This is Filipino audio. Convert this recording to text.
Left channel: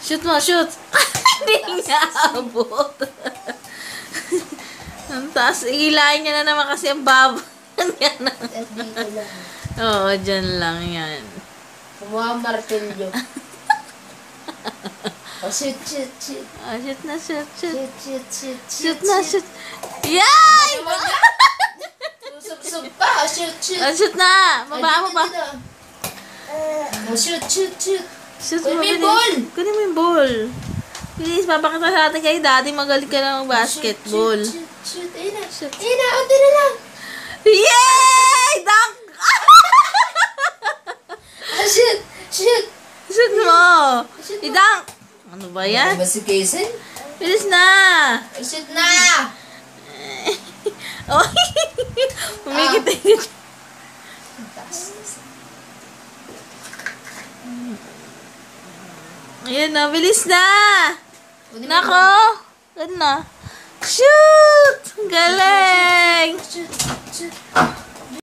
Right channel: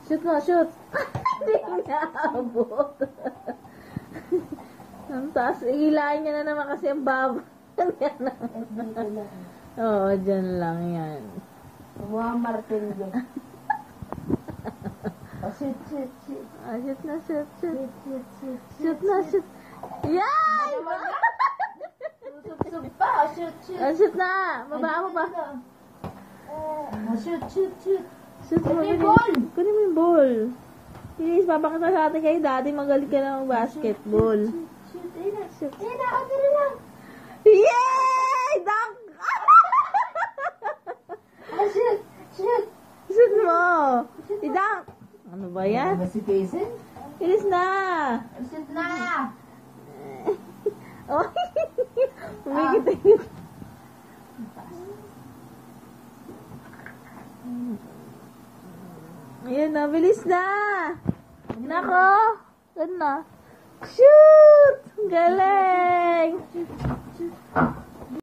Shoot mo, shoot! Hindi niya abot. Ang taas. Ihilahin niya na naman kasi ang baba. Dito lang. Oo, dyan lang yan. Kumuha ang martilyo. Oh, shoot. Ah, shoot na, shoot. Shoot. Shoot na, shoot. Yay! Sub pa. Shoot. Ah, shoot na! Baba mo pa. Oh, shoot. Shoot mo, Kunin bilis. mo yung ball. Kunin mo yung ball. Bilis, papakita sa atin kay daddy. Magaling ka na mag-basketball. Shoot. Ayun na. Shoot. Ayun na. Unti na lang. Yay! Dunk! Ah, shoot. Shoot mo! I-dunk! Ano ba yan? Ano ba si Kaisen? Bilis na! Shoot na! Oh, umikit-ikit. Ayan na, bilis na! Nako! Gan na. Shoot! Galing! Shoot.